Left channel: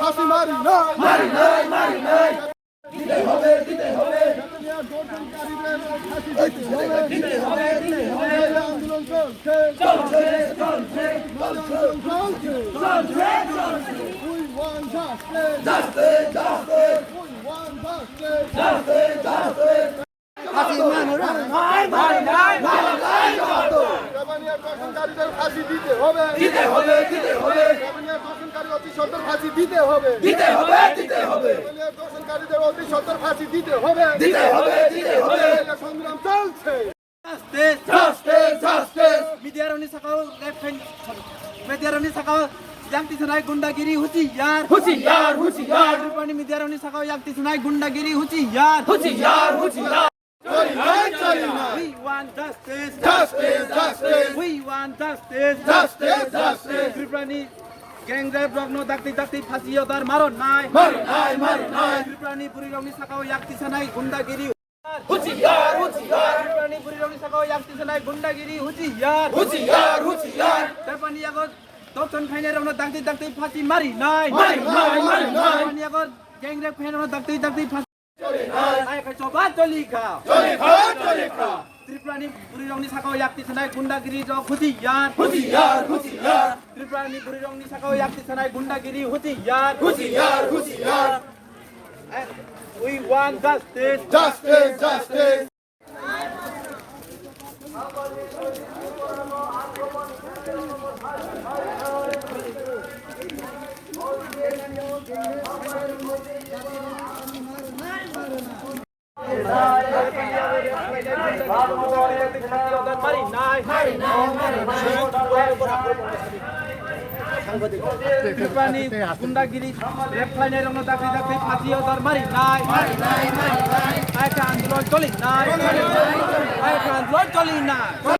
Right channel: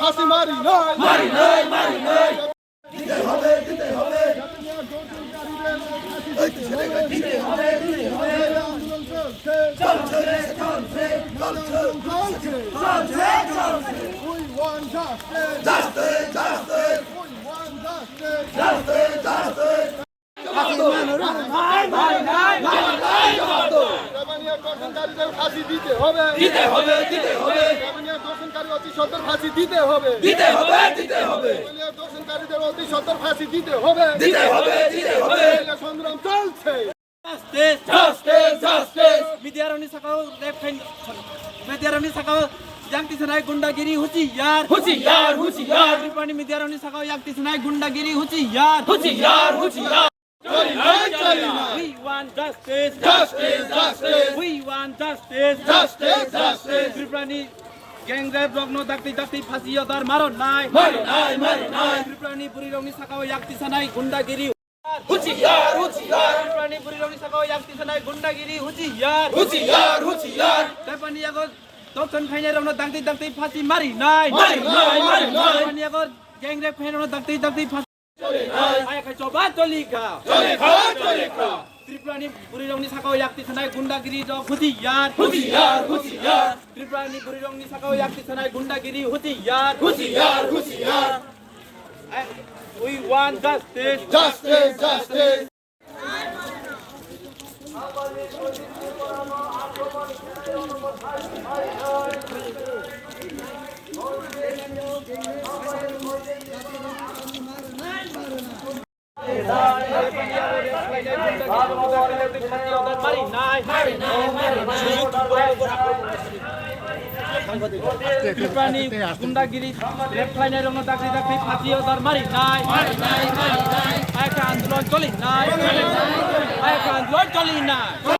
ফাঁসি মারি নাই মারি নাই মারি নাই দিতে হবে দিতে হবে দিতে হবে দিতে হবে আন্দোলন চলছে চলছে চলছে চলছে চলছে চলছে we want justice justice justice we want justice justice justice ফাঁসি দিতে হবে দিতে হবে দিতে হবে দর্শনকারী অতি সত্বর ফাঁসি দিতে হবে দিতে হবে দিতে হবে দর্শনকারীদের অতি সত্বর ফাঁসি দিতে হবে দিতে হবে দিতে হবে সংগ্রাম চলছে জাস্টিস জাস্টিস জাস্টিস মিডিয়ারনি সাকাও মিডিয়ারনি সাকাও yakti sanai gundagiri huciyar হুঁশিয়ার হুঁশিয়ার Tripani midyaroni sakao yakti sanai gundagiri huciyar হুঁশিয়ার হুঁশিয়ার চলি নাই চলি নাই we want justice justice justice we want justice justice justice Tripani gangrap rogno dakti dakti phasiyo dar maro nai মারি নাই মারি নাই Tripani purironi sakao yakti sanai gundagiri হুঁশিয়ার হুঁশিয়ার Tripani purironi sakao yakti sanai gundagiri huciyar হুঁশিয়ার হুঁশিয়ার Tripani ago dokton phaine rogno dakti dakti phasi mari nai মারি নাই মারি নাই Tripani ago gangrap phaine rogno dakti dakti phasi চলি নাই ai khai choba tolika চলি খা চলি খা Tripani purironi sakao yakti sanai gundagiri jo huciyar হুঁশিয়ার হুঁশিয়ার Tripani purironi sakao yakti sanai gundagiri huciyar হুঁশিয়ার হুঁশিয়ার we want justice justice justice Tripani gundagiri refine rongno dakri dakri phasiyo dar mari nai aka andolon choli nai aka andolon choli nai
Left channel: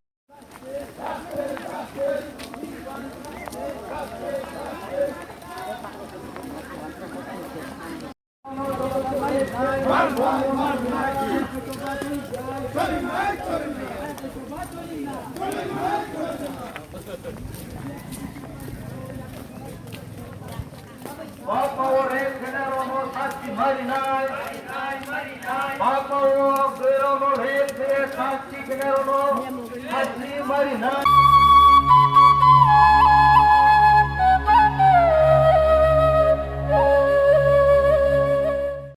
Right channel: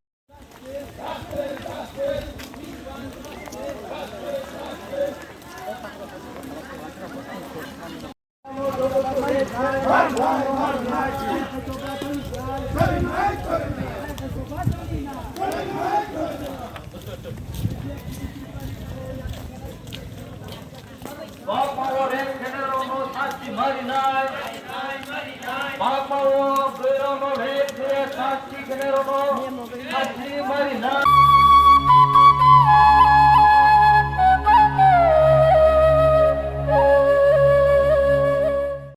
Bapak Generono Sakti Marinai, Bapak Generono Sakti Generono Sakti Marinai.